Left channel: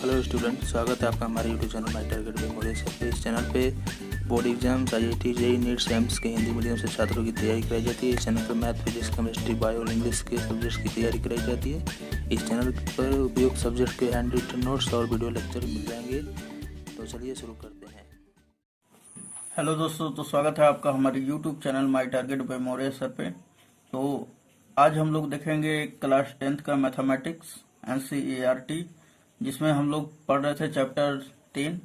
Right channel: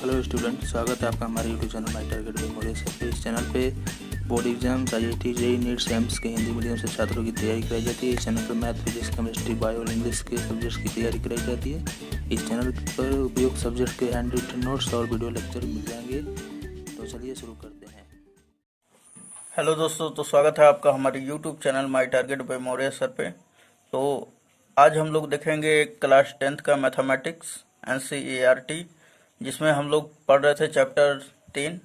Hello student, स्वागत है आपका हमारे यूट्यूब चैनल माई टारगेट मेमोरियस पे। इस चैनल पे board exams, IIT, JEE, NEET, AIIMS के हिंदी मीडियम से छात्रों की तैयारी कराई जाती है। इस चैनल पर मैथ, फिजिक्स, केमिस्ट्री, बायो और इंग्लिश के सब्जेक्ट्स की तैयारी कराई जाती है। इस चैनल पर उपयुक्त सब्जेक्ट के हैंड रिटन नोट्स और वीडियो लेक्चर मिल जाएंगे। तो चलिए शुरू करते हैं। हेलो दोस्तों, तो स्वागत है आपका हमारे YouTube channel my target by Maurya sir पे। तो आज हम लोग देखेंगे क्लास 10th का मैथमेटिक्स NCERT, जिसमें हम लोग पढ़ रहे थे चैप्टर 3,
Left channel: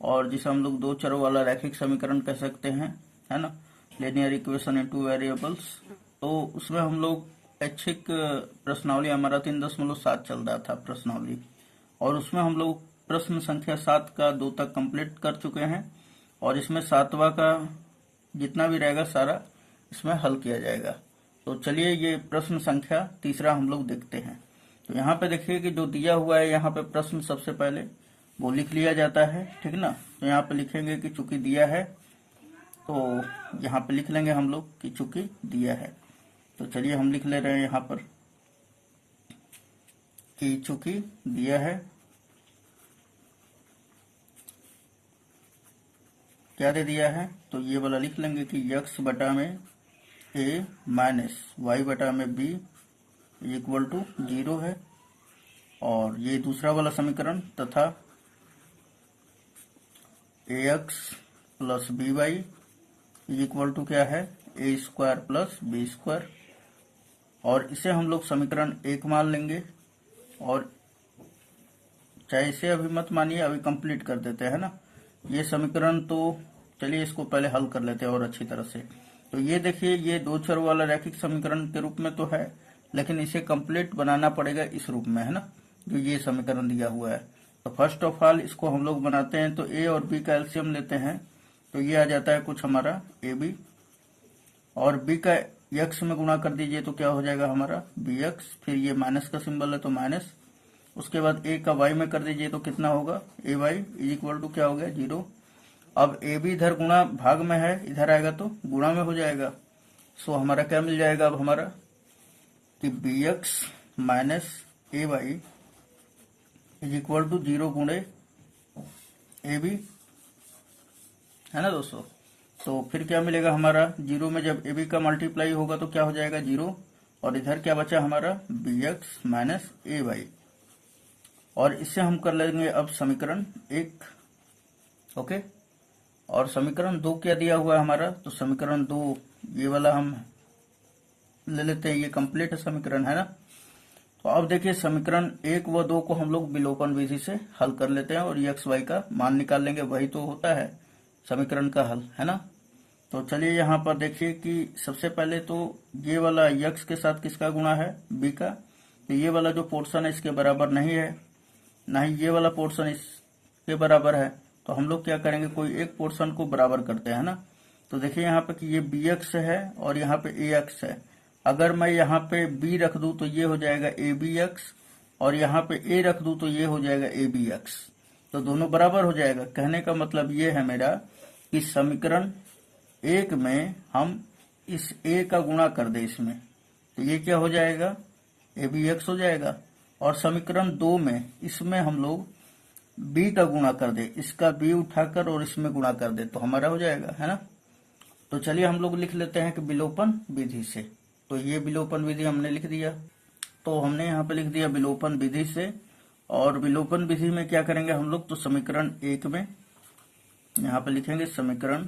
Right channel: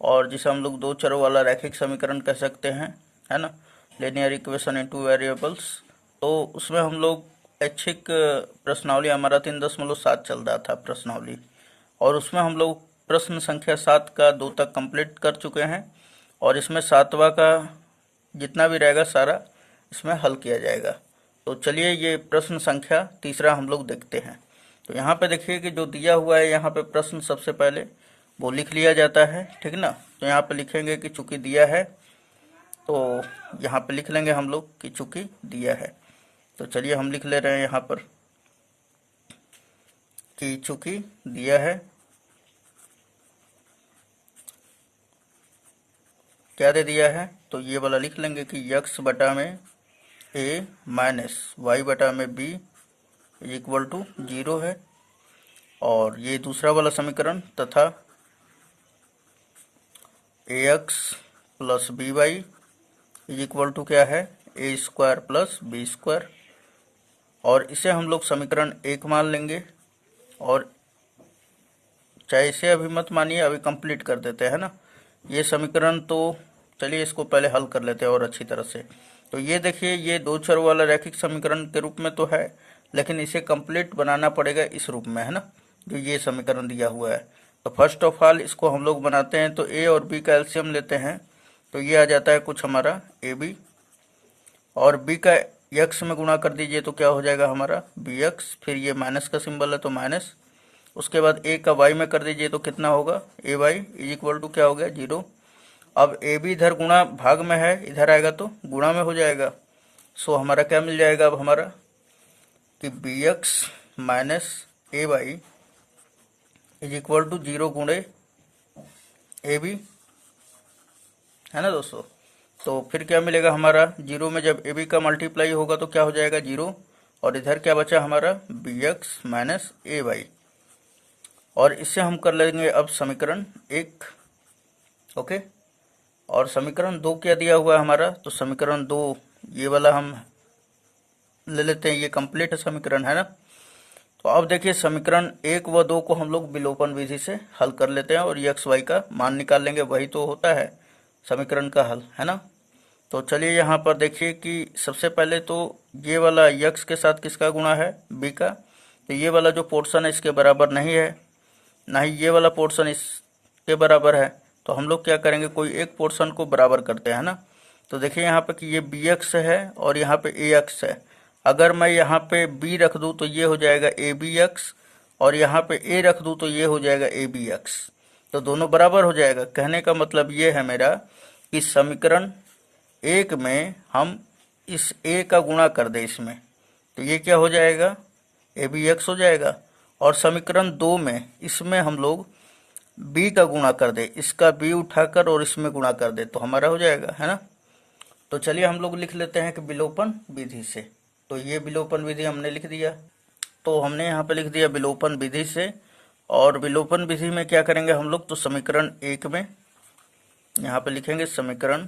और जिसे हम लोग दो चरों वाला रैखिक समीकरण कह सकते हैं, है ना, linear equation in two variables. तो उसमें हम लोग ऐच्छिक प्रश्नावली हमारा 3.7 चल रहा था प्रश्नावली, और उसमें हम लोग प्रश्न संख्या 7 का 2 तक कंप्लीट कर चुके हैं, और इसमें 7वां का जितना भी रहेगा सारा इसमें हल किया जाएगा। तो चलिए ये प्रश्न संख्या तीसरा हम लोग देखते हैं। तो यहाँ पे देखिए कि जो दिया हुआ है यहाँ पे प्रश्न सबसे पहले वो लिख लिया जाता है, ठीक ना। तो यहाँ पे लिखेंगे कि चूंकि दिया है, तो यहाँ पे लिख लेंगे हम लोग कि चूंकि दिया है। तो चलिए हम लिख ले रहे हैं यहाँ पर कि चूंकि दिया है, क्या दे दिया है, तो ये वाला लिख लेंगे कि x बटा में a माइनस y बटा में b इक्वल टू 0 है। और ये दूसरा वाला समीकरण तथा ax plus B Y equal to क्या है, a square plus B square. और इसे हम लोग समीकरण 1 मान लेंगे, और चाहे इसे अभी मत मानिए, अभी कंप्लीट कर देते हैं ना ये समीकरण। तो चलिए इसको पहले हल कर लेते हैं और अच्छी तरह से। तो ये देखिए, ये दो चर वाला रैखिक समीकरण के रूप में तो है, लेकिन इसे कंप्लीट बनाना पड़ेगा इस रूप में, है ना, जो ये समीकरण दिया हुआ है। तो फर्स्ट ऑफ ऑल इसको हम लोग बनाते हैं। तो a और b का एलसीएम लेते हैं, तो ये आ जाता है कुछ हमारा ab, और b का x में गुणा कर दीजिए तो क्या हो जाएगा हमारा bx, फिर ये माइनस का सिंबल है तो माइनस। उसके बाद a का y में कर दीजिए तो कितना होगा, ay इज इक्वल टू क्या हो गया 0। अब ए बी इधर गुणा भाग में है, इधर आएगा तो गुणा में हो जाएगा। सो हमारा क्या मिल जाएगा अब हमारा कि B X minus A Y is equal to 0 गुणे ए बी, है ना दोस्तों। तो फिर क्या मिलेगा हमारा, 0 में जब ए बी का मल्टीप्लाई होगा तो क्या हो जाएगा 0, और इधर क्या बचा हमारा B X minus A Y. और इससे हम कर लेंगे अब समीकरण 1, ओके। और समीकरण 2 क्या दिया हुआ है हमारा, तो समीकरण 2 ये वाला हम ले लेते हैं, ये कंप्लीट है समीकरण, है ना। तो अब देखिए समीकरण 1 व 2 को हम लोग विलोपन विधि से हल कर लेते हैं, और ये एक्स वाई का मान निकाल लेंगे, वही तो होता है समीकरण का हल, है ना। तो चलिए यहाँ पर देखिए कि सबसे पहले तो ये वाला यक्स के साथ किसका गुणा है, बी का। तो ये वाला जो पोर्शन है इसके बराबर नहीं है, ना ही ये वाला पोर्शन इसके बराबर है। तो हम लोग क्या करेंगे, कोई एक पोर्शन को बराबर करते हैं ना। तो देखिए यहाँ पे कि ये बी एक्स है और यहाँ पे ए एक्स है। अगर मैं यहाँ पे बी रख दूँ तो ये हो जाएगा ए बी एक्स, और यहाँ पे ए रख दूँ तो ये हो जाएगा ए बी एक्स। तो दोनों बराबर हो जाएगा। कहने का मतलब ये है मेरा कि समीकरण 1 में हम इस ए का गुणा कर दें इसमें, तो ये क्या हो जाएगा ए बी एक्स हो जाएगा। और समीकरण 2 में इसमें हम लोग b का गुणा कर दे, इसका b उठाकर और इसमें गुणा कर दे, तो हमारा हो जाएगा, है ना। तो चलिए हम लोग लिख लेते हैं कि विलोपन विधि से। तो ये विलोपन विधि हमने लिख दिया, तो हमने यहाँ पे लिख दिया विलोपन विधि से। और विलोपन विधि में क्या करेंगे हम लोग, तो समीकरण 1 में यहाँ पे लिखेंगे समीकरण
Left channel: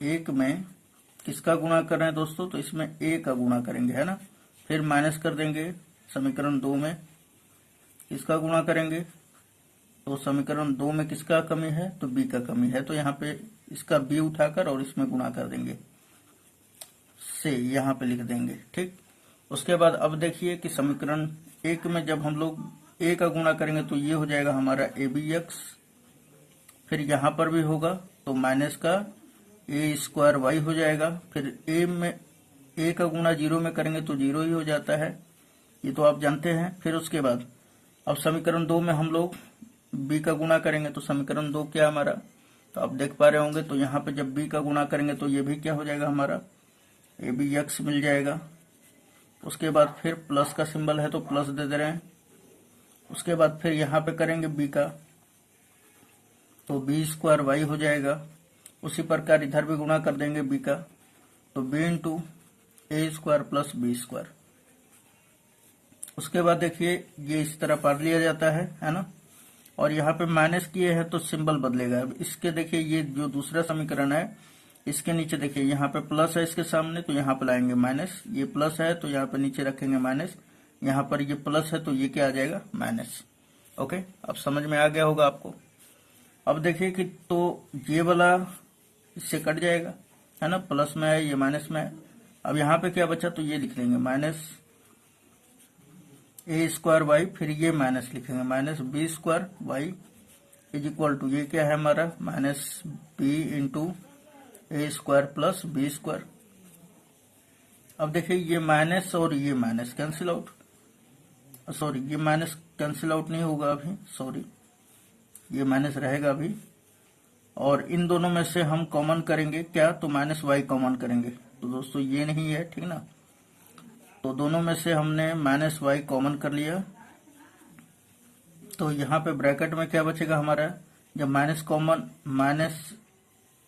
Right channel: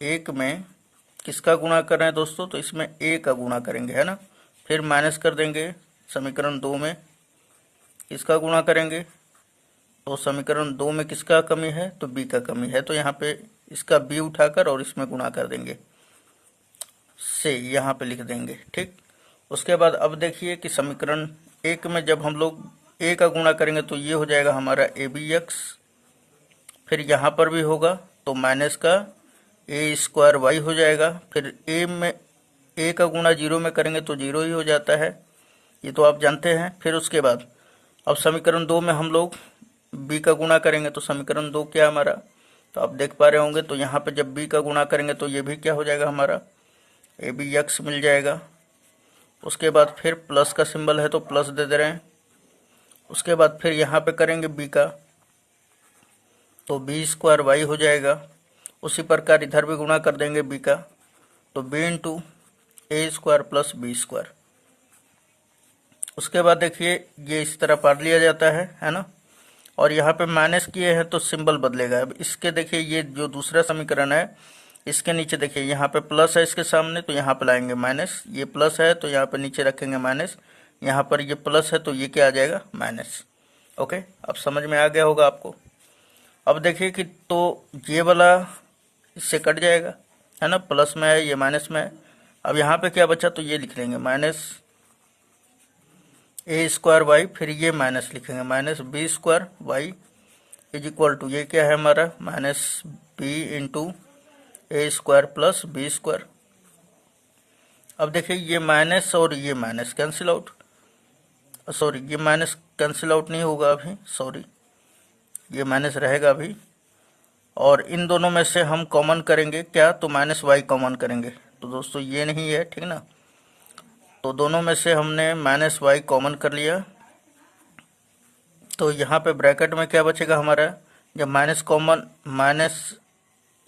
1 में किसका गुणा कर रहे हैं दोस्तों, तो इसमें a का गुणा करेंगे, है ना। फिर माइनस कर देंगे समीकरण 2 में किसका गुणा करेंगे, तो समीकरण 2 में किसका कमी है, तो b का कमी है, तो यहाँ पे इसका b उठाकर और इसमें गुणा कर देंगे से, यहाँ पे लिख देंगे, ठीक। उसके बाद अब देखिए कि समीकरण 1 में जब हम लोग a का गुणा करेंगे तो ये हो जाएगा हमारा ए बी एक्स, फिर यहाँ पर भी होगा तो माइनस का ए स्क्वायर वाई हो जाएगा। फिर a में a का गुणा 0 में करेंगे तो 0 ही हो जाता है, ये तो आप जानते हैं। फिर उसके बाद अब समीकरण 2 में हम लोग b का गुणा करेंगे, तो समीकरण 2 क्या हमारा, तो आप देख पा रहे होंगे, तो यहाँ पे जब b का गुणा करेंगे तो ये भी क्या हो जाएगा हमारा ए बी एक्स मिल जाएगा। उसके बाद फिर प्लस का सिंबल है तो प्लस दे दे रहे हैं, उसके बाद फिर यहाँ पे करेंगे b का, तो बी स्क्वायर वाई हो जाएगा। उसी प्रकार इधर भी गुणा कर देंगे b का, तो b into A square plus B square. उसके बाद देखिए ये इस तरह पढ़ लिया जाता है ना। और यहाँ पे माइनस किए हैं तो सिंबल बदलेगा। अब इसके देखिए ये जो दूसरा समीकरण है, इसके नीचे देखिए यहाँ पे प्लस है इसके सामने, तो यहाँ पे लाएंगे माइनस। ये प्लस है तो यहाँ पे नीचे रखेंगे माइनस। यहाँ पर ये प्लस है तो ये क्या आ जाएगा, माइनस। ओके, अब समझ में आ गया होगा आपको। अब देखिए कि तो ये वाला इससे कट जाएगा, है ना, प्लस में है, ये माइनस में है। अब यहाँ पे क्या बचा, तो ये लिख लेंगे माइनस ए स्क्वायर वाई, फिर ये माइनस लिखेंगे minus B square Y is equal to, ये क्या है हमारा, minus B into A square plus B square. अब देखिए ये माइनस और ये माइनस कैंसिल आउट, सॉरी ये माइनस कैंसिल आउट नहीं होगा अभी, सॉरी ये माइनस रहेगा अभी। और इन दोनों में से हम कॉमन करेंगे क्या, तो माइनस वाई कॉमन करेंगे। तो दोस्तों ये नहीं है, ठीक ना। तो दोनों में से हमने माइनस वाई कॉमन कर लिया, तो यहाँ पे ब्रैकेट में क्या बचेगा हमारा, जब माइनस कॉमन, माइनस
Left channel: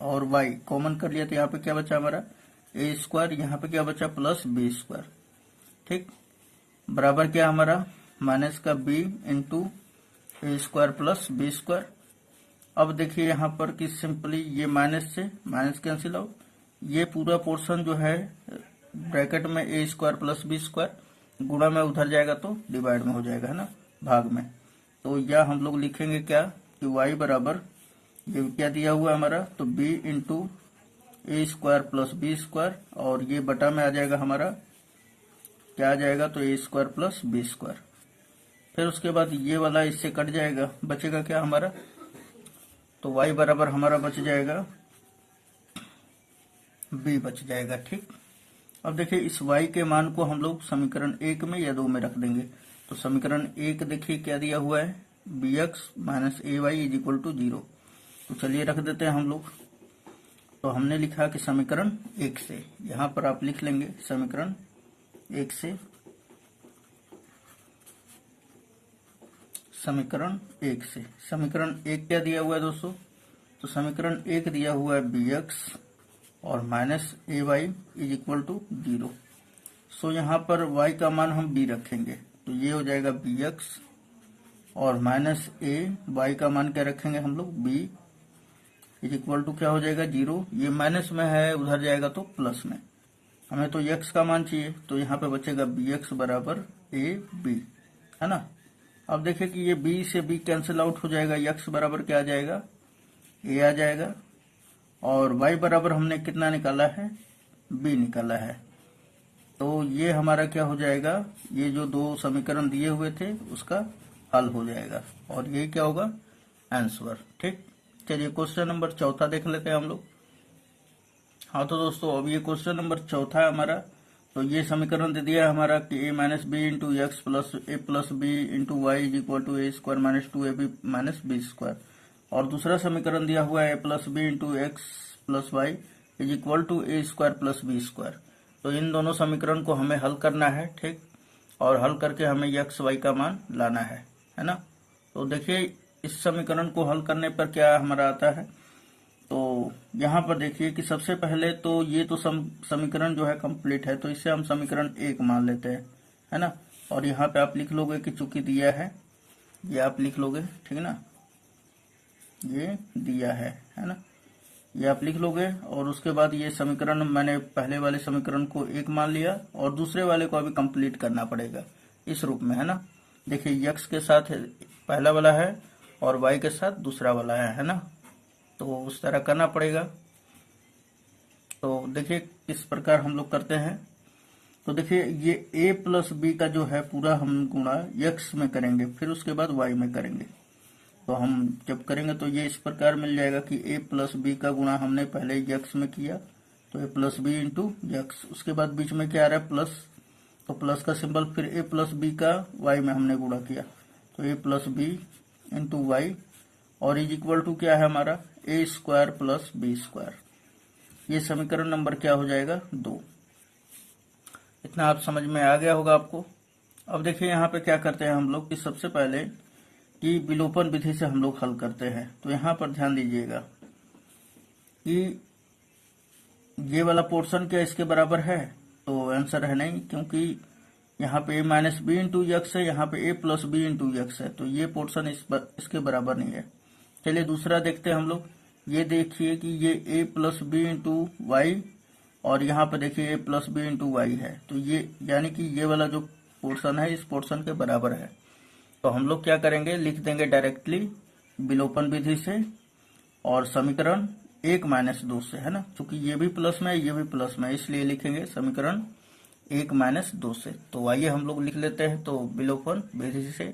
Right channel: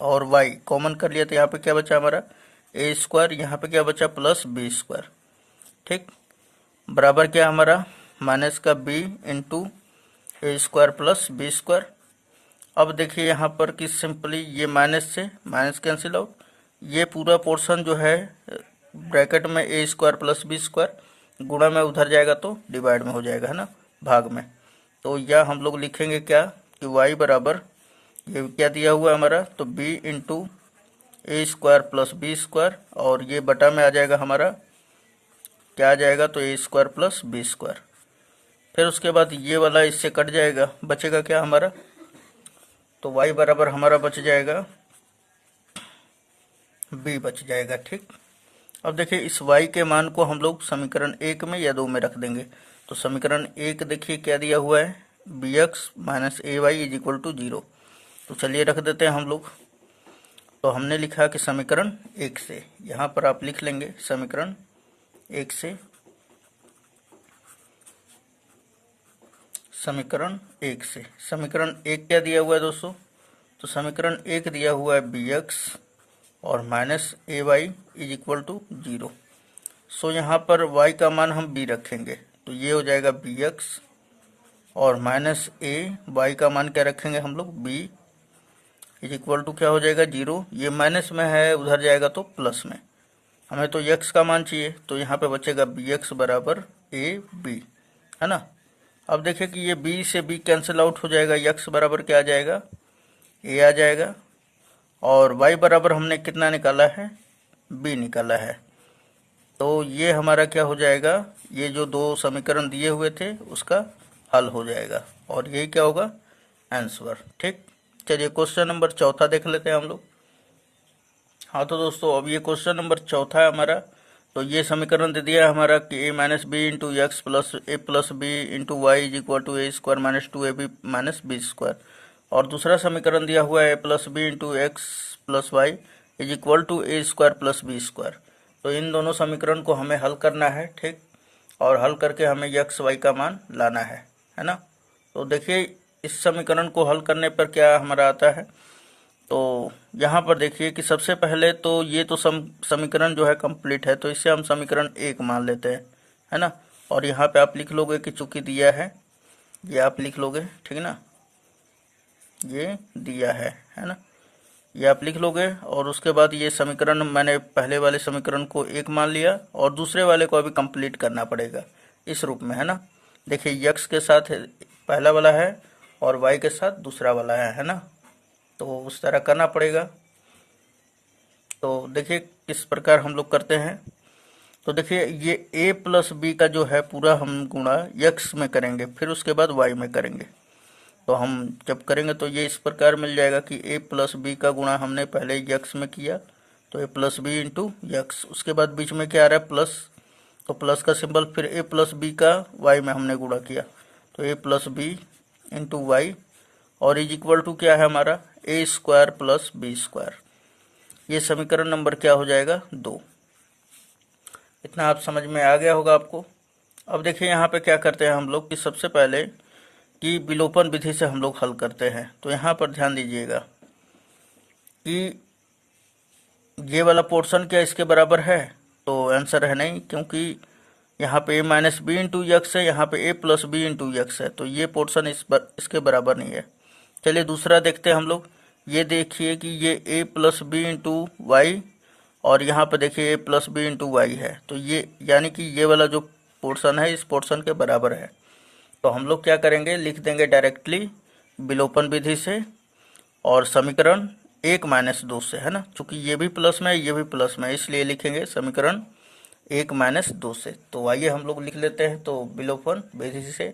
और वाई कॉमन कर लिया तो यहाँ पे क्या बचा हमारा, ए स्क्वायर, यहाँ पे क्या बचा प्लस बी स्क्वायर, ठीक, बराबर क्या हमारा माइनस का B into A square plus B square. अब देखिए यहाँ पर कि सिंपली ये माइनस से माइनस कैंसिल आउट, ये पूरा पोर्शन जो है ब्रैकेट में ए स्क्वायर प्लस बी स्क्वायर गुणा में उधर जाएगा तो डिवाइड में हो जाएगा, है ना, भाग में। तो यह हम लोग लिखेंगे क्या कि y बराबर, ये क्या दिया हुआ है हमारा, तो b into A square plus B square, और ये बटा में आ जाएगा हमारा, क्या आ जाएगा, तो ए स्क्वायर प्लस बी स्क्वायर। फिर उसके बाद ये वाला इससे कट जाएगा, बचेगा क्या हमारा, तो y बराबर हमारा बच जाएगा b बच जाएगा, ठीक। अब देखिए इस y के मान को हम लोग समीकरण 1 में या 2 में रख देंगे। तो समीकरण 1 देखिए क्या दिया हुआ है, B X minus A Y is equal to 0। तो चलिए रख देते हैं हम लोग। तो हमने लिखा कि समीकरण 1 से, यहाँ पर आप लिख लेंगे समीकरण 1 से, समीकरण 1 से। समीकरण 1 क्या दिया हुआ है दोस्तों, तो समीकरण 1 दिया हुआ है बी एक्स और minus A Y is equal to 0। So यहाँ पर y का मान हम b रखेंगे, तो ये हो जाएगा बी एक्स और माइनस ए, वाई का मान क्या रखेंगे हम लोग, b इज इक्वल टू क्या हो जाएगा 0। ये माइनस में है, उधर जाएगा तो प्लस में। हमें तो x का मान चाहिए, तो यहाँ पे बचेगा बी एक्स बराबर ए बी, है ना। अब देखिए कि ये b से b कैंसिल आउट हो जाएगा, x बराबर क्या आ जाएगा, a आ जाएगा, और y बराबर हमने कितना निकाला है, b निकाला है। तो ये हमारा क्या हो जाएगा, ये जो दो समीकरण दिए हुए थे उसका हल हो जाएगा, और ये क्या होगा, आंसर, ठीक। चलिए क्वेश्चन नंबर 4 देख लेते हैं हम लोग। हाँ तो दोस्तों अब ये क्वेश्चन नंबर 4 है हमारा। तो ये समीकरण दे दिया है हमारा कि a minus B into X plus A plus B into Y is equal to A square minus 2ab minus B square. और दूसरा समीकरण दिया हुआ है a plus B into X plus Y is equal to A square plus B square. तो इन दोनों समीकरण को हमें हल करना है, ठीक, और हल करके हमें एक्स वाई का मान लाना है ना। तो देखिए इस समीकरण को हल करने पर क्या हमारा आता है, तो यहाँ पर देखिए कि सबसे पहले तो ये तो समीकरण जो है कंप्लीट है, तो इससे हम समीकरण 1 मान लेते हैं, है ना। और यहाँ पे आप लिख लोगे कि चूंकि दिया है, ये आप लिख लोगे, ठीक है ना, ये दिया है ना, ये आप लिख लोगे। और उसके बाद ये समीकरण मैंने पहले वाले समीकरण को 1 मान लिया, और दूसरे वाले को अभी कंप्लीट करना पड़ेगा इस रूप में, है ना। देखिए x के साथ पहला वाला है और y के साथ दूसरा वाला है ना, तो उस तरह करना पड़ेगा। तो देखिए किस प्रकार हम लोग करते हैं। तो देखिए ये a प्लस बी का जो है पूरा हम गुणा x में करेंगे, फिर उसके बाद y में करेंगे। तो हम जब करेंगे तो ये इस प्रकार मिल जाएगा कि a प्लस बी का गुणा हमने पहले x में किया, तो a plus B into X, उसके बाद बीच में क्या आ रहा है प्लस, तो प्लस का सिंबल, फिर a प्लस बी का y में हमने गुणा किया, तो a plus B into Y, और इज इक्वल टू क्या है हमारा, A square plus B square. ये समीकरण नंबर क्या हो जाएगा, 2। इतना आप समझ में आ गया होगा आपको। अब देखिए यहाँ पे क्या करते हैं हम लोग कि सबसे पहले कि विलोपन विधि से हम लोग हल करते हैं। तो यहाँ पर ध्यान दीजिएगा कि ये वाला पोर्शन क्या इसके बराबर है, तो आंसर है नहीं, क्योंकि यहाँ पे a minus B into X है, यहाँ पे a plus B into X है, तो ये पोर्शन इसके बराबर नहीं है। चलिए दूसरा देखते हैं हम लोग। ये देखिए कि ये a plus B into Y और यहाँ पे देखिए a plus B into Y है, तो ये यानी कि ये वाला जो पोर्शन है इस पोर्शन के बराबर है। तो हम लोग क्या करेंगे, लिख देंगे डायरेक्टली विलोपन विधि से और समीकरण 1 माइनस 2 से, है ना, चूंकि ये भी प्लस में है ये भी प्लस में है, इसलिए लिखेंगे समीकरण 1 माइनस 2 से। तो आइए हम लोग लिख लेते हैं तो विलोपन विधि से।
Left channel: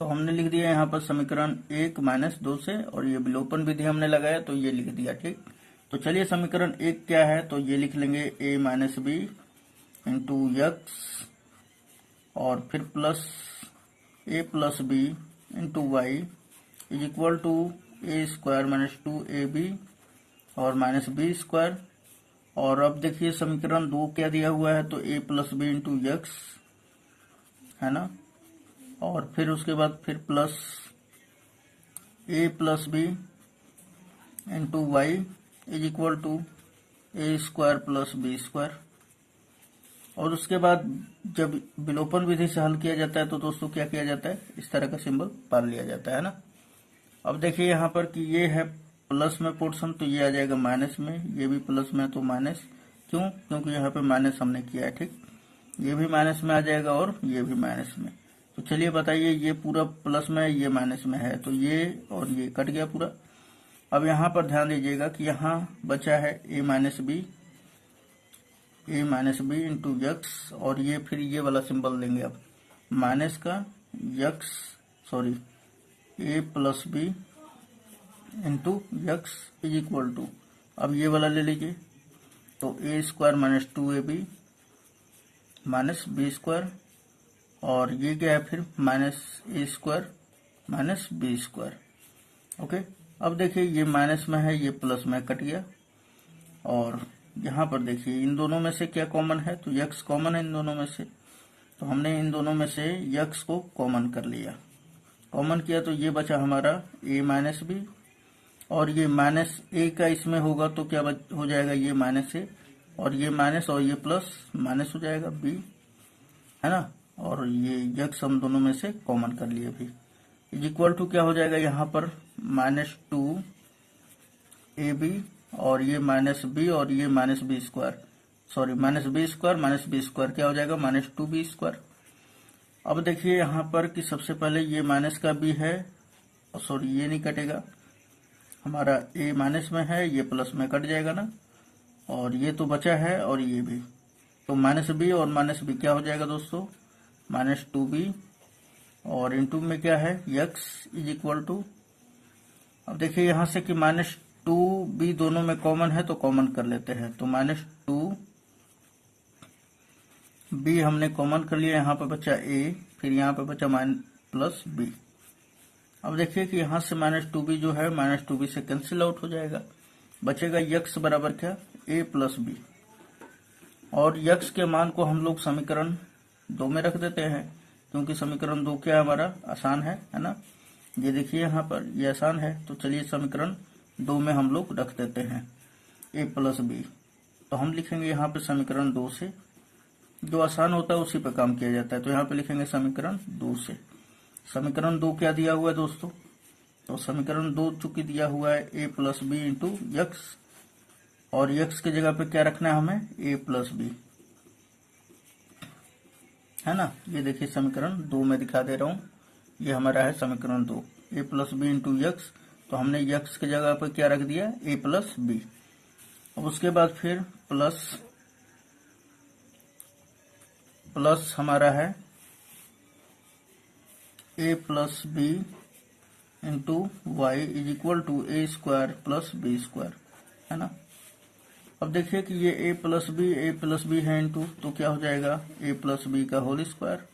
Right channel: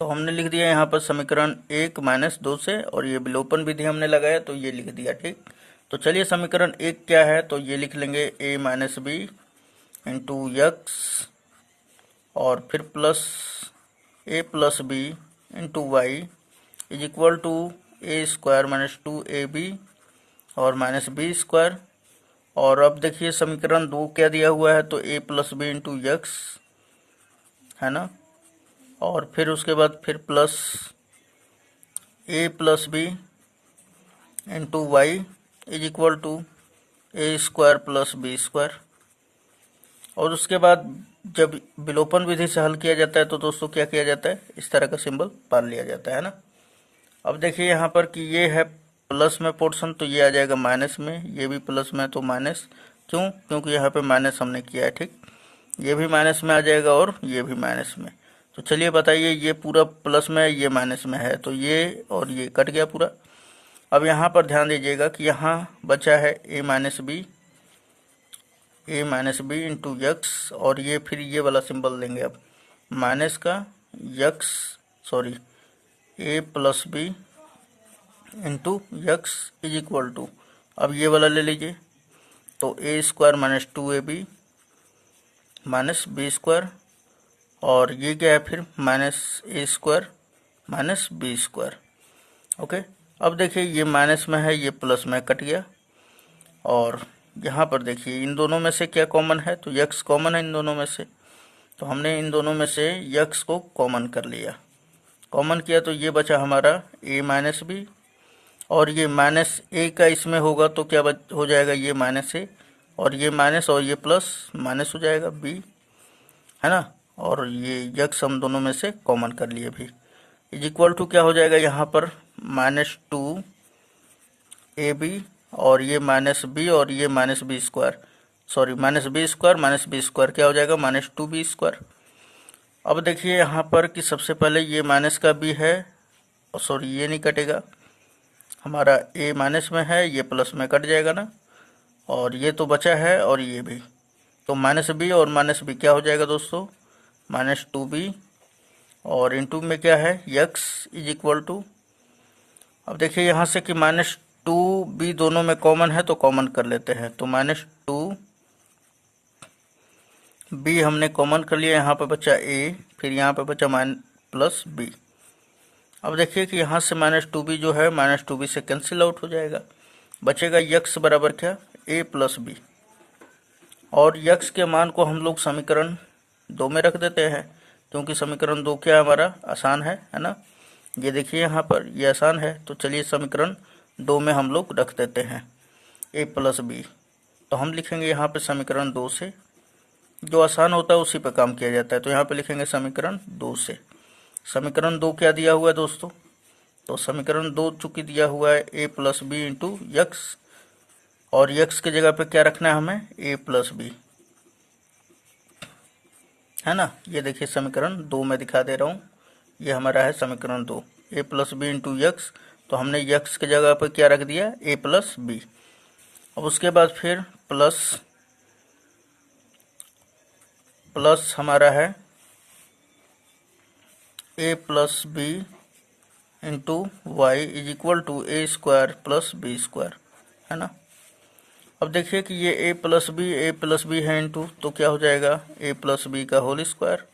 तो हमने लिख दिया यहाँ पर समीकरण 1 माइनस 2 से, और ये विलोपन विधि हमने लगाया तो ये लिख दिया, ठीक। तो चलिए समीकरण 1 क्या है, तो ये लिख लेंगे a minus B into X और फिर plus a plus B into Y is equal to A square minus 2ab और माइनस बी स्क्वायर। और अब देखिए समीकरण 2 क्या दिया हुआ है, तो a plus B into X, है ना, और फिर उसके बाद फिर plus a plus B into Y is equal to A square plus B square. और उसके बाद जब विलोपन विधि से हल किया जाता है तो दोस्तों क्या किया जाता है, इस तरह का सिंबल पाल लिया जाता है ना। अब देखिए यहाँ पर कि ये है प्लस में पोर्शन, तो ये आ जाएगा माइनस में, ये भी प्लस में तो माइनस, क्यों, क्योंकि यहाँ पे माइनस हमने किया है, ठीक। ये भी माइनस में आ जाएगा और ये भी माइनस में। तो चलिए बताइए, ये पूरा प्लस में है ये माइनस में है, तो ये और ये कट गया पूरा। अब यहाँ पर ध्यान दीजिएगा कि यहाँ बचा है a minus B into X, और ये फिर ये वाला सिंबल लेंगे अब माइनस का X, sorry a plus B into X is equal to, अब ये वाला ले लीजिए, तो a square minus 2ab minus B square, और ये क्या है फिर minus a square minus B square. Okay, अब देखिए ये माइनस में है ये प्लस में कट गया, और यहाँ पर देखिए इन दोनों में से क्या कॉमन है, तो यक्स कॉमन है इन दोनों में से, तो हमने इन दोनों में से यक्स को कॉमन कर लिया। कॉमन किया तो ये बचा हमारा a माइनस बी, और ये माइनस a का इसमें होगा तो क्या हो जाएगा, ये माइनस a, और ये माइनस और ये प्लस माइनस हो जाएगा b, है ना, और ये यक्स हम दोनों में से कॉमन कर लिए भी, इज इक्वल टू क्या हो जाएगा यहाँ पर माइनस 2ab, और ये माइनस b और ये minus B square, sorry minus B square क्या हो जाएगा माइनस 2b स्क्वायर। अब देखिए यहाँ पर कि सबसे पहले ये माइनस का b है, और सॉरी ये नहीं कटेगा, हमारा a माइनस में है ये प्लस में कट जाएगा ना, और ये तो बचा है और ये भी, तो माइनस बी और माइनस बी क्या हो जाएगा दोस्तों माइनस 2b, और इंटू में क्या है यक्स इज इक्वल टू, अब देखिए यहाँ से कि माइनस 2b दोनों में कॉमन है तो कॉमन कर लेते हैं, तो माइनस 2b हमने कॉमन कर लिया, यहाँ पे बचा a, फिर यहाँ पे बचा प्लस b। अब देखिए कि यहाँ से माइनस 2b जो है माइनस 2b से कैंसिल आउट हो जाएगा, बचेगा यक्स बराबर क्या a प्लस बी, और यक्स के मान को हम लोग समीकरण 2 में रख देते हैं, क्योंकि समीकरण 2 क्या हमारा आसान है ना, ये देखिए यहाँ पर ये आसान है, तो चलिए समीकरण 2 में हम लोग रख देते हैं a प्लस बी। तो हम लिखेंगे यहाँ पे समीकरण 2 से, जो आसान होता है उसी पे काम किया जाता है, तो यहाँ पे लिखेंगे समीकरण 2 से। समीकरण 2 क्या दिया हुआ है दोस्तों, तो समीकरण 2 चूंकि दिया हुआ है a plus B into X, और यक्स की जगह पे क्या रखना है हमें a प्लस बी, है ना। ये देखिए समीकरण 2 में दिखा दे रहा हूँ, ये हमारा है समीकरण 2 a plus B into X, तो हमने यक्स की जगह पर क्या रख दिया a प्लस बी। अब उसके बाद फिर प्लस हमारा है a plus B into Y is equal to A square plus B square, है ना। अब देखिए कि ये a प्लस बी है इंटू, तो क्या हो जाएगा a प्लस बी का होल स्क्वायर,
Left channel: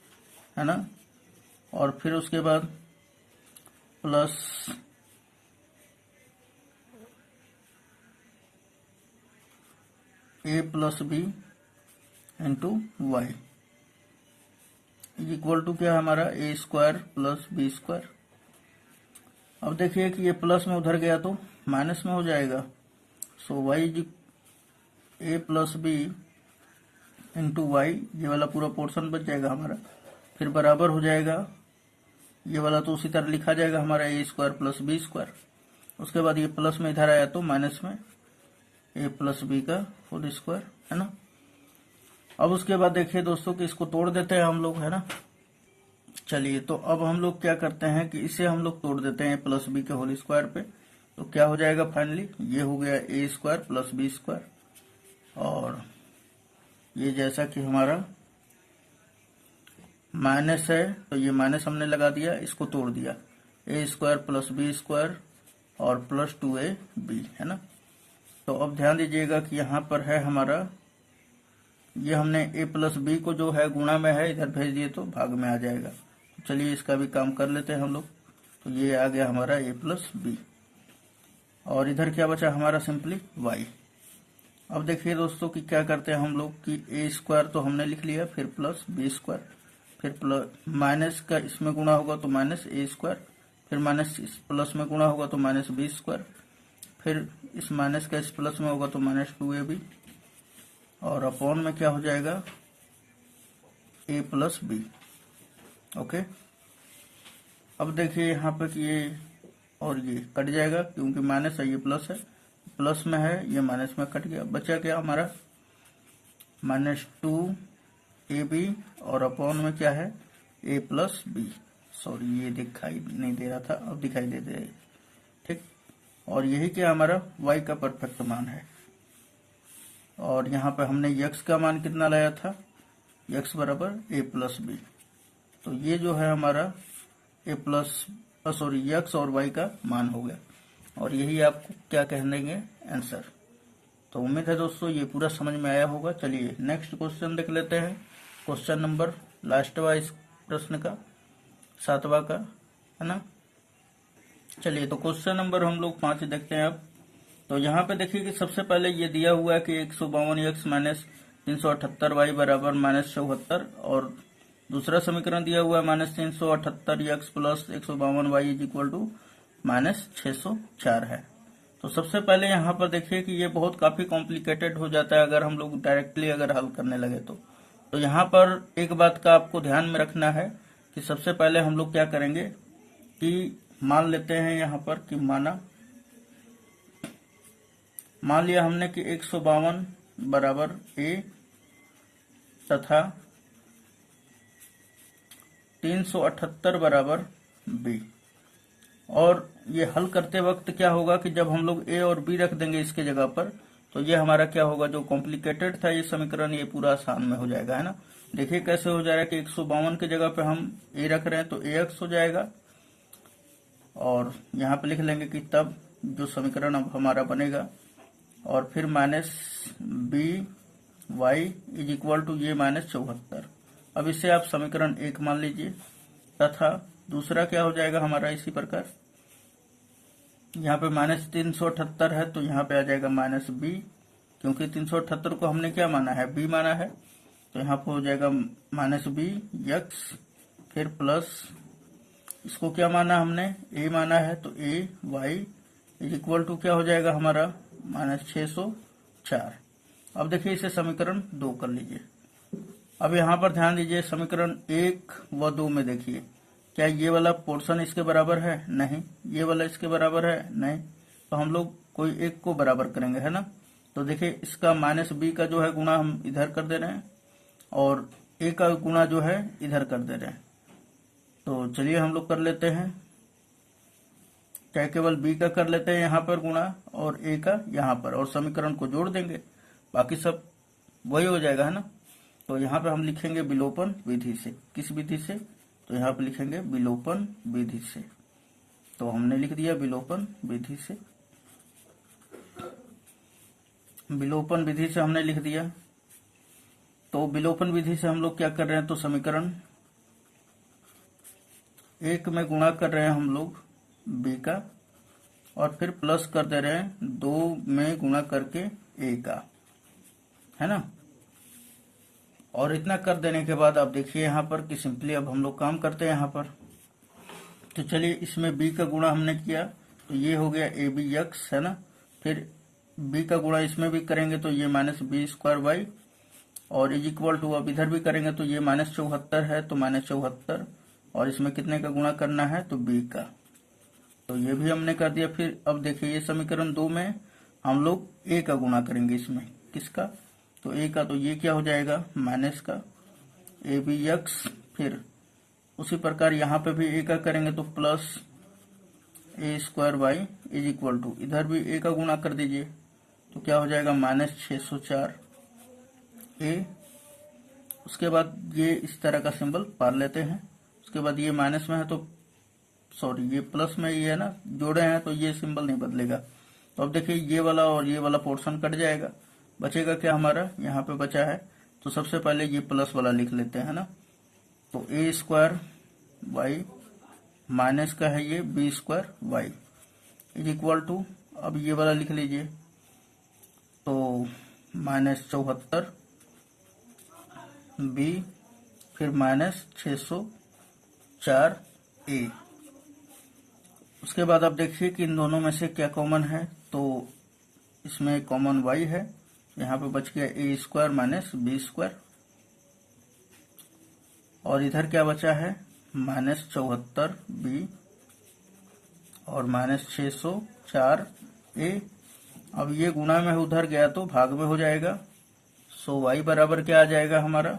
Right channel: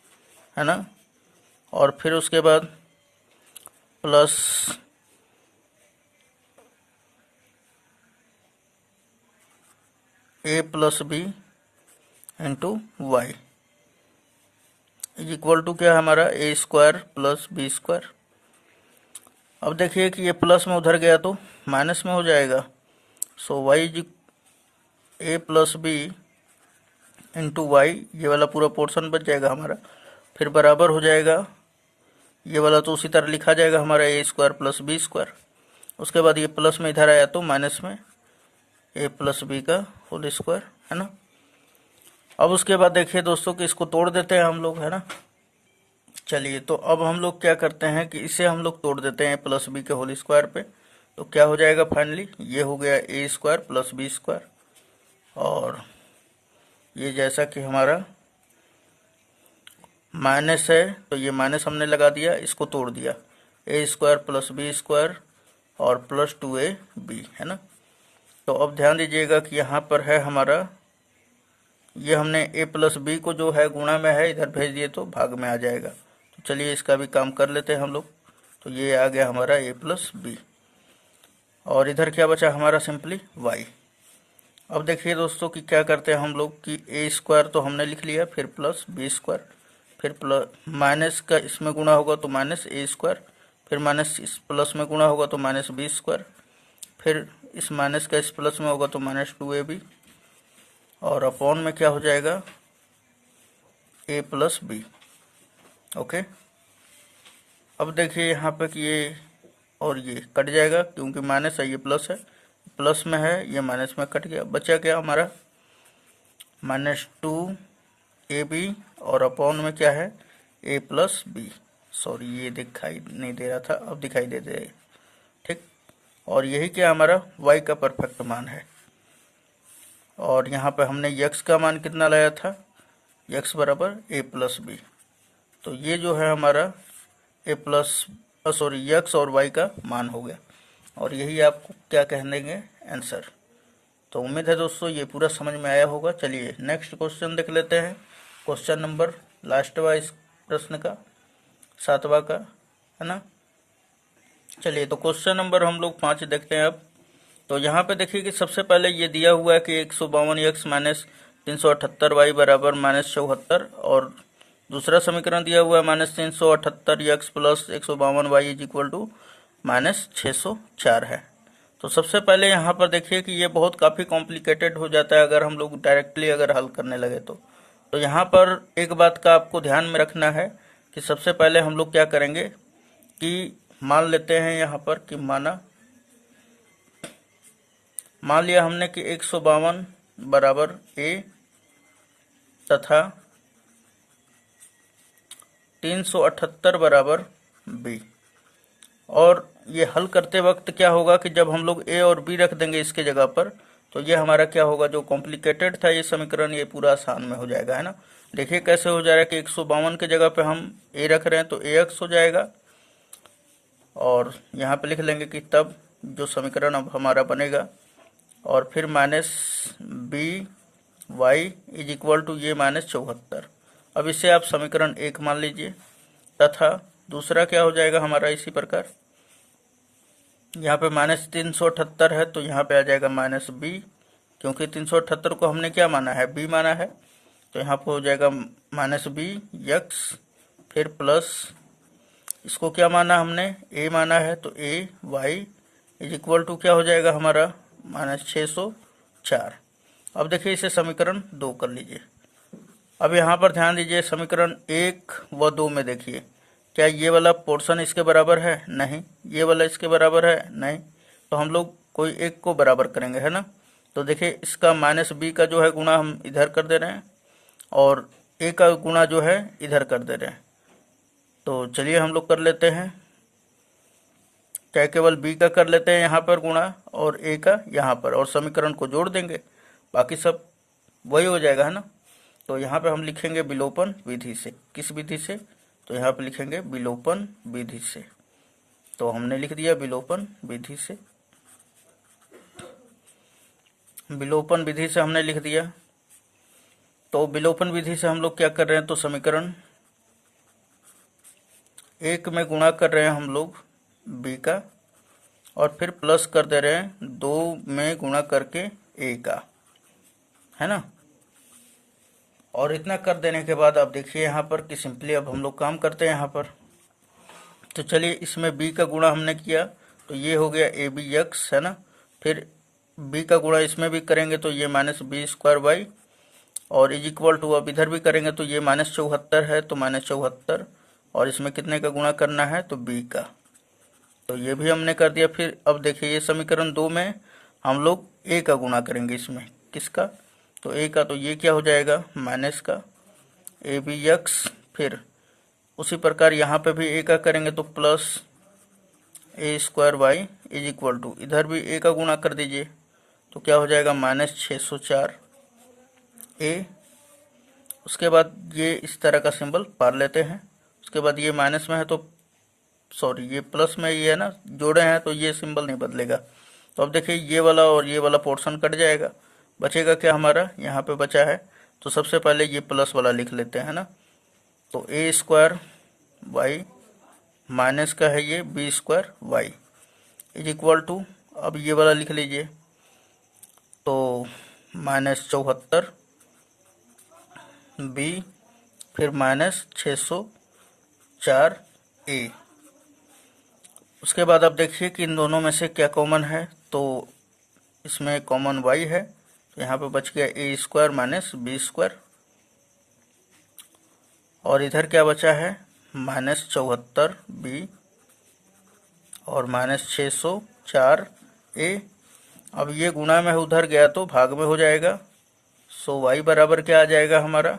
है ना, और फिर उसके बाद plus a plus B into Y, is equal to क्या है हमारा A square plus B square. अब देखिए कि ये प्लस में उधर गया तो माइनस में हो जाएगा। So y is a plus B into y, ये वाला पूरा पोर्शन बच जाएगा हमारा, फिर बराबर हो जाएगा ये वाला तो उसी तरह लिखा जाएगा हमारा A square plus B square. उसके बाद ये प्लस में इधर आया तो माइनस में ए प्लस बी का होल स्क्वायर, है ना। अब उसके बाद देखिए दोस्तों कि इसको तोड़ देते हैं हम लोग, है ना। चलिए तो अब हम लोग क्या करते हैं कि इसे हम लोग तोड़ देते हैं प्लस बी के होल स्क्वायर पे। तो क्या हो जाएगा फाइनली, ये हो गया ए स्क्वायर प्लस बी स्क्वायर, और ये जैसा कि हमारा माइनस है तो ये माइनस हमने लगा दिया, इसको तोड़ दिया, ए स्क्वायर प्लस बी स्क्वायर और प्लस 2ab, है ना। तो अब ध्यान दीजिएगा कि यहाँ पर है हमारा, ये हमने ए प्लस बी को जो है गुणा में है इधर भेज दिए तो भाग में आ जाएगा। तो चलिए इसका भी काम कर लेते हैं हम लोग। तो ये आ गया हमारा ए प्लस बी, और इधर क्या बचा हमारा सिंपली वाई। अब देखिए दोस्तों कि क्या करते हैं हम लोग कि ए स्क्वायर तो हमने लिख लिया, फिर प्लस बी स्क्वायर, फिर प्लस माइनस का इसमें गुणा होगा तो माइनस ए स्क्वायर, फिर माइनस इस प्लस में गुणा होगा तो माइनस बी स्क्वायर, फिर इस माइनस का इस प्लस में होगा तो माइनस 2ab, और अपॉन में क्या हो जाएगा ए प्लस बी। ओके, अब देखिए यहाँ पे कि ये और ये कट जाएगा क्योंकि माइनस है, ये प्लस है, प्लस में है, ये माइनस में कट गया, बचा क्या हमारा माइनस 2ab, और अपॉन में क्या है ए प्लस बी। सॉरी ये दिखाई नहीं दे रहा था, अब दिखाई दे दे, ठीक। और यही क्या हमारा y का परफेक्ट मान है, और यहाँ पे हमने x का मान कितना लाया था, x बराबर ए प्लस बी। तो ये जो है हमारा ए प्लस सॉरी x और y का मान हो गया, और यही आपको क्या कह देंगे आंसर। तो उम्मीद है दोस्तों ये पूरा समझ में आया होगा। चलिए नेक्स्ट क्वेश्चन देख लेते हैं, क्वेश्चन नंबर लास्टवा इस प्रश्न का 7वां का, है ना। चलिए तो क्वेश्चन नंबर हम लोग 5 देखते हैं अब। तो यहाँ पे देखिए कि सबसे पहले ये दिया हुआ है कि 152x माइनस 378y बराबर माइनस 74, और दूसरा समीकरण दिया हुआ है minus 378x plus 152y is equal to minus 604 है। तो सबसे पहले यहाँ पर देखिए कि ये बहुत काफ़ी कॉम्प्लिकेटेड हो जाता है अगर हम लोग डायरेक्टली अगर हल करने लगे तो यहाँ पर एक बात का आपको ध्यान में रखना है कि सबसे पहले हम लोग क्या करेंगे कि मान लेते हैं यहाँ पर कि मान लिया हमने कि 152 बराबर ए तथा 378 बराबर बी, और ये हल करते वक्त क्या होगा कि जब हम लोग ए और बी रख देंगे इसके जगह पर, तो ये हमारा क्या होगा, जो कॉम्प्लिकेटेड था ये समीकरण ये पूरा आसान में हो जाएगा, है ना। देखिए कैसे हो जाएगा कि 152 के जगह पे हम ए रख रहे हैं तो ए एक्स हो जाएगा, और यहाँ पे लिख लेंगे कि तब जो समीकरण अब हमारा बनेगा, और फिर minus B Y is equal to ये माइनस 74। अब इसे आप समीकरण 1 मान लीजिए, तथा दूसरा क्या हो जाएगा हमारा इसी प्रकार, यहाँ पे माइनस 378 है तो यहाँ पे आ जाएगा माइनस बी, क्योंकि 378 को हमने क्या माना है, बी माना है, तो यहाँ पे हो जाएगा माइनस बी एक्स, फिर प्लस इसको क्या माना हमने, ए माना है, तो ए वाई इज इक्वल टू क्या हो जाएगा हमारा माइनस 604। अब देखिए इसे समीकरण 2 कर लीजिए। अब यहाँ पर ध्यान दीजिए समीकरण 1 व 2 में देखिए क्या ये वाला पोर्शन इसके बराबर है, नहीं, ये वाला इसके बराबर है, नहीं, तो हम लोग कोई एक को बराबर करेंगे, है ना। तो देखिए इसका माइनस बी का जो है गुणा हम इधर कर दे रहे हैं, और ए का गुणा जो है इधर कर दे रहे हैं। तो चलिए हम लोग कर लेते हैं, क्या केवल बी का कर लेते हैं यहाँ पर गुणा और ए का यहाँ पर, और समीकरण को जोड़ देंगे, बाकी सब वही हो जाएगा, है ना। तो यहाँ पे हम लिखेंगे विलोपन विधि से, किस विधि से, तो यहाँ पे लिखेंगे विलोपन विधि से। तो हमने लिख दिया विलोपन विधि से, विलोपन विधि से हमने लिख दिया। तो विलोपन विधि से हम लोग क्या कर रहे हैं, तो समीकरण 1 में गुणा कर रहे हैं हम लोग बी का, और फिर प्लस कर दे रहे हैं 2 में गुणा करके ए का, है ना। और इतना कर देने के बाद आप देखिए यहाँ पर कि सिंपली अब हम लोग काम करते हैं यहाँ पर। तो चलिए इसमें b का गुणा हमने किया तो ये हो गया ए बी एक्स, है ना। फिर b का गुणा इसमें भी करेंगे तो ये -b² और इज इक्वल टू, अब इधर भी करेंगे तो ये -74 है तो -74, और इसमें कितने का गुणा करना है तो b का, तो ये भी हमने कर दिया। फिर अब देखिए ये समीकरण 2 में हम लोग a का गुणा करेंगे, इसमें किसका, तो a का, तो ये क्या हो जाएगा माइनस का ए बी एक्स। फिर उसी प्रकार यहाँ पे भी a का करेंगे तो plus a² is equal to, इधर भी a का गुणा कर दीजिए तो क्या हो जाएगा -604 a। उसके बाद ये इस तरह का सिंबल पार लेते हैं। उसके बाद ये माइनस में है तो सॉरी ये प्लस में ही है ना, जोड़े हैं तो ये सिंबल नहीं बदलेगा। तो अब देखिए ये वाला और ये वाला पोर्शन कट जाएगा, बचेगा क्या हमारा, यहाँ पे बचा है तो सबसे पहले ये प्लस वाला लिख लेते हैं ना। तो a² माइनस का है ये b² इज इक्वल टू, अब ये वाला लिख लीजिए तो -74 b फिर -604 a। उसके बाद आप देखिए कि इन दोनों में से क्या कॉमन है, तो इसमें कॉमन y है, तो यहाँ पे बच गया a² -b², और इधर क्या बचा है -74 b और -604 a। अब ये गुणा में उधर गया तो भाग में हो जाएगा, सो y बराबर क्या आ जाएगा हमारा,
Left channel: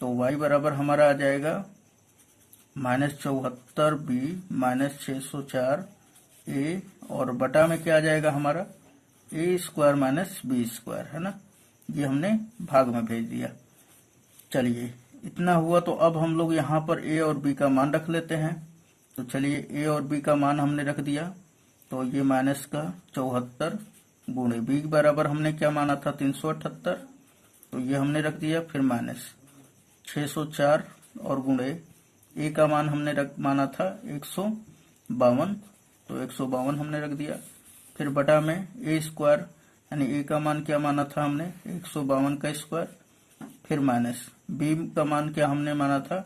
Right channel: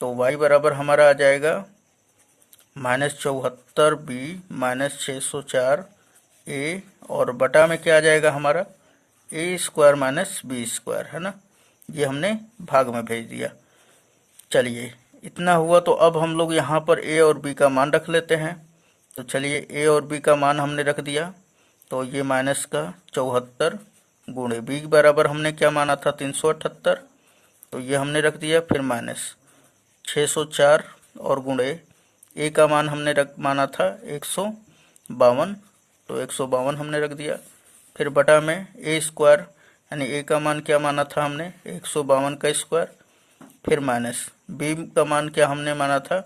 तो y बराबर हमारा आ जाएगा -74 b -604 a, और बटा में क्या आ जाएगा हमारा a² -b², है ना। ये हमने भाग में भेज दिया। चलिए इतना हुआ तो अब हम लोग यहाँ पर a और b का मान रख लेते हैं। तो चलिए a और b का मान हमने रख दिया, तो ये -74 गुणे b बराबर हमने क्या माना था 378, तो ये हमने रख दिया। फिर -604 और गुणे a का मान हमने माना था 152, तो 152 हमने रख दिया। फिर बटा में a² यानी a का मान क्या माना था हमने 152 का स्क्वायर, फिर माइनस b का मान क्या हमने माना था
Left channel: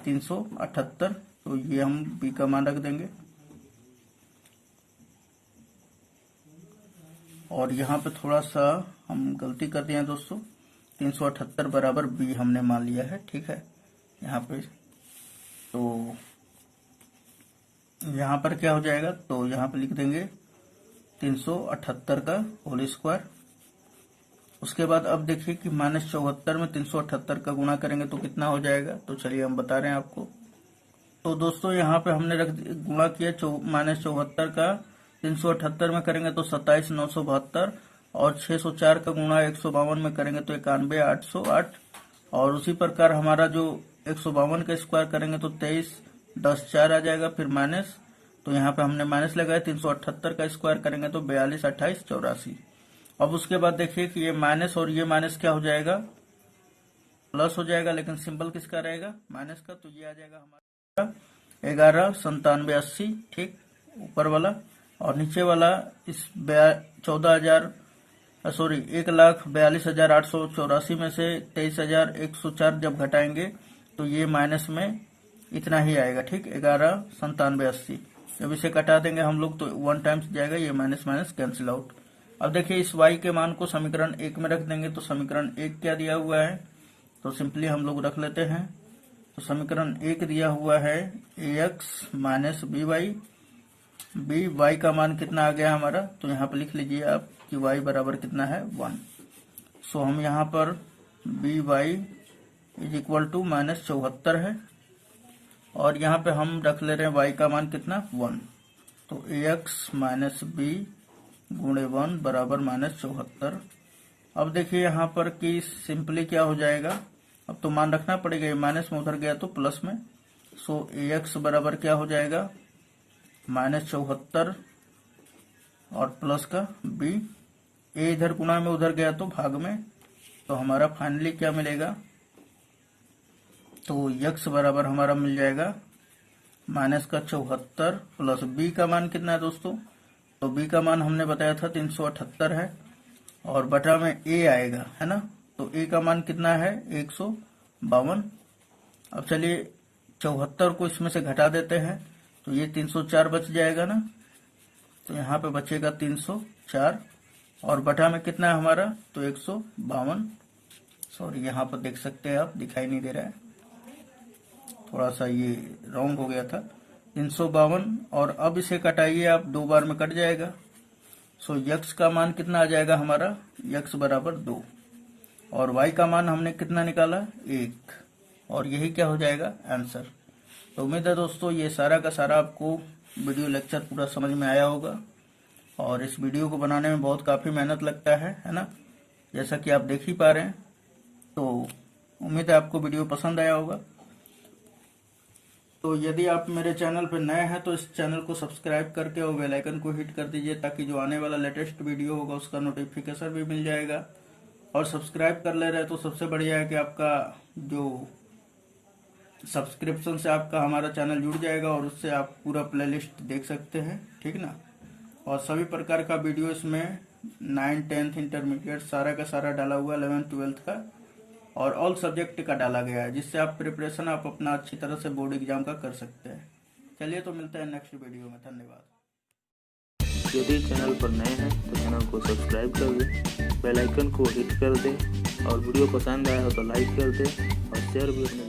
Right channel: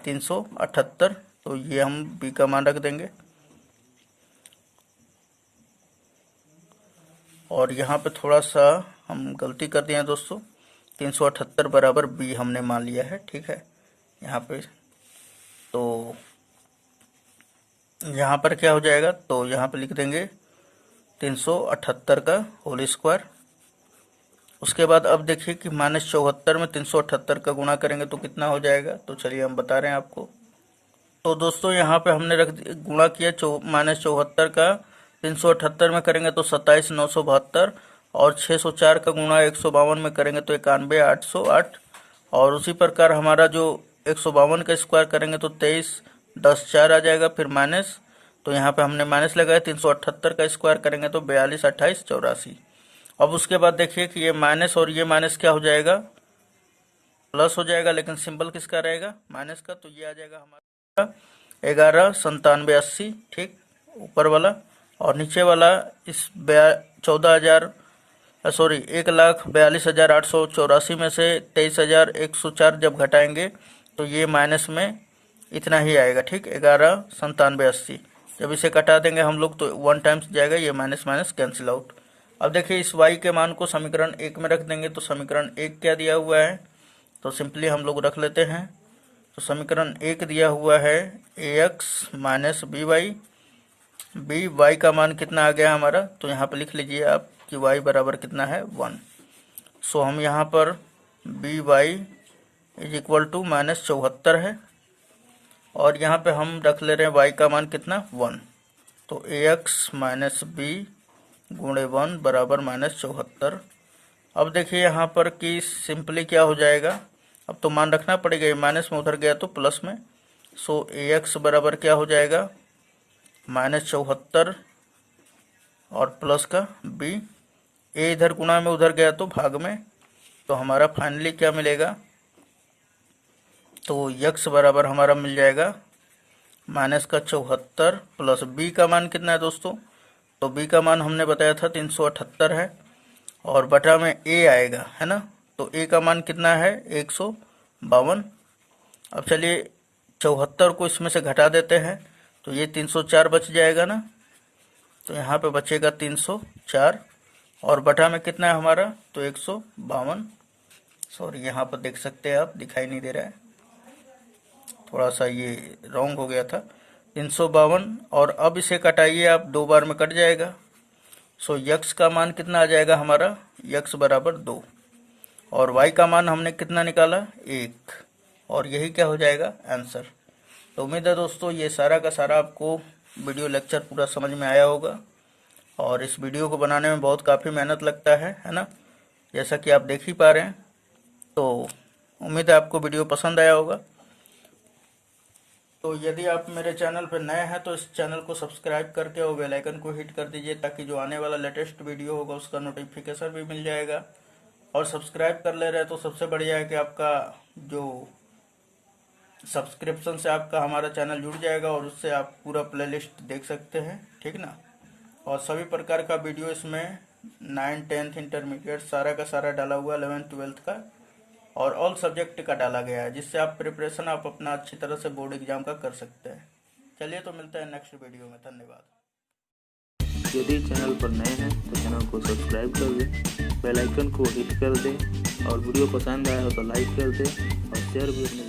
378, तो ये हम b का मान रख देंगे। और यहाँ पे थोड़ा सा हम गलती कर दिए हैं दोस्तों, 378 बराबर b हमने मान लिया है, ठीक है। यहाँ पे तो यहाँ पर क्या हो जाएगा, तो यहाँ पे लिख देंगे 378 का होल स्क्वायर। उसके बाद अब देखिए कि -74 में 378 का गुणा करेंगे तो कितना हो जाएगा, तो चलिए हम बता रहे हैं आपको। तो दोस्तों यहाँ पे हमने गुणा किया -74 का 378 में करेंगे तो 27,972, और 604 का गुणा 152 में करेंगे तो 91,808, और उसी प्रकार हमारा जो 152 का स्क्वायर करेंगे तो 23,10,4 आ जाएगा। फिर माइनस, तो यहाँ पे हमने माइनस लगाया, 378 का स्क्वायर करेंगे तो 42,28,84। अब उसके बाद देखिए कि ये माइनस और ये माइनस क्या हो जाएगा, प्लस हो जाएगा, लेकिन सिंबल किसका रहेगा माइनस का, तो ये आ जाएगा हमारा 11,97,80, ठीक, ऊपर वाला। और नीचे वाला इस 1,42,884 में से 23,104 जब घटाएंगे तो ये माइनस में इतना ही आएगा, ठीक, 11,97,80। जब इसे कटा देंगे हम लोग तो 1 टाइम्स जाएगा, ये माइनस माइनस कैंसिल आउट। अब देखिए इस y के मान को समीकरण 1 में रख देंगे, तो समीकरण 1 क्या दिया हुआ है, तो सिंपली हम लोग रख लेते हैं। तो समीकरण 1 दिया हुआ है ax -by, by का मान कितना आ गया हमारा, तो यहाँ पे लिख लीजिए आप कि y बराबर कितना है 1। सो हम यहाँ पर by इज इक्वल टू -74 है, और यहाँ पे हम रख ले रहे हैं y का मान कितना 1, तो ax -b गुणे 1 बराबर -74। अब देखिए यहाँ पर कि सिंपली क्या हो जाएगा, अब तो मान रखना पड़ेगा, माइनस में उधर गया तो प्लस में। सो ax बराबर क्या हो जाएगा -74 और प्लस का b, a इधर गुणा में उधर गया तो भाग में, तो हमारा फाइनली क्या मिलेगा, तो x बराबर हमारा मिल जाएगा -74 प्लस b का मान कितना है दोस्तों, तो b का मान हमने बताया था 378 है, और बटा में a आएगा, है ना, तो तो ए का मान कितना है 152। अब चलिए 74 को इसमें से घटा देते हैं, तो ये 304 बच जाएगा ना, तो यहाँ पे बचेगा 304 और बटा में कितना है हमारा, तो 152। सॉरी, यहाँ पर देख सकते हैं आप, दिखाई नहीं दे रहा है, थोड़ा सा ये रॉन्ग हो गया था, 352। और अब इसे कटाइए आप, 2 बार में कट जाएगा। सो यक्स का मान कितना आ जाएगा हमारा, यक्स बराबर 2, और वाई का मान हमने कितना निकाला 1, और यही क्या हो जाएगा आंसर। तो उम्मीद है दोस्तों ये सारा का सारा आपको वीडियो लेक्चर पूरा समझ में आया होगा, और इस वीडियो को बनाने में बहुत काफ़ी मेहनत लगता है ना, जैसा कि आप देख ही पा रहे हैं। तो उम्मीद है आपको वीडियो पसंद आया होगा। तो यदि आप मेरे चैनल पर नए हैं तो इस चैनल को सब्सक्राइब करके और बेल आइकन को हिट कर दीजिए, ताकि जो आने वाला लेटेस्ट वीडियो होगा उसका नोटिफिकेशन भी मिल जाएगा। और सब्सक्राइब कर ले रहे तो सबसे बढ़िया है कि आपका जो सब्सक्रिप्शन से आपका हमारा चैनल जुड़ जाएगा, और उससे आप पूरा प्लेलिस्ट देख सकते हैं, ठीक ना। और सभी प्रकार का वीडियो इसमें 9, 10th इंटरमीडिएट सारा का सारा डाला हुआ, 11th 12th का और ऑल सब्जेक्ट का डाला गया है, जिससे आप प्रिपरेशन आप अपना अच्छी तरह से बोर्ड एग्जाम का कर सकते हैं। चलिए तो मिलते हैं नेक्स्ट वीडियो में, धन्यवाद। यदि चैनल पर नए हैं तो चैनल को सब्सक्राइब कर दें, बेल आइकन को हिट कर दें, और वीडियो पसंद आया हो तो लाइक कर दें और शेयर भी अपने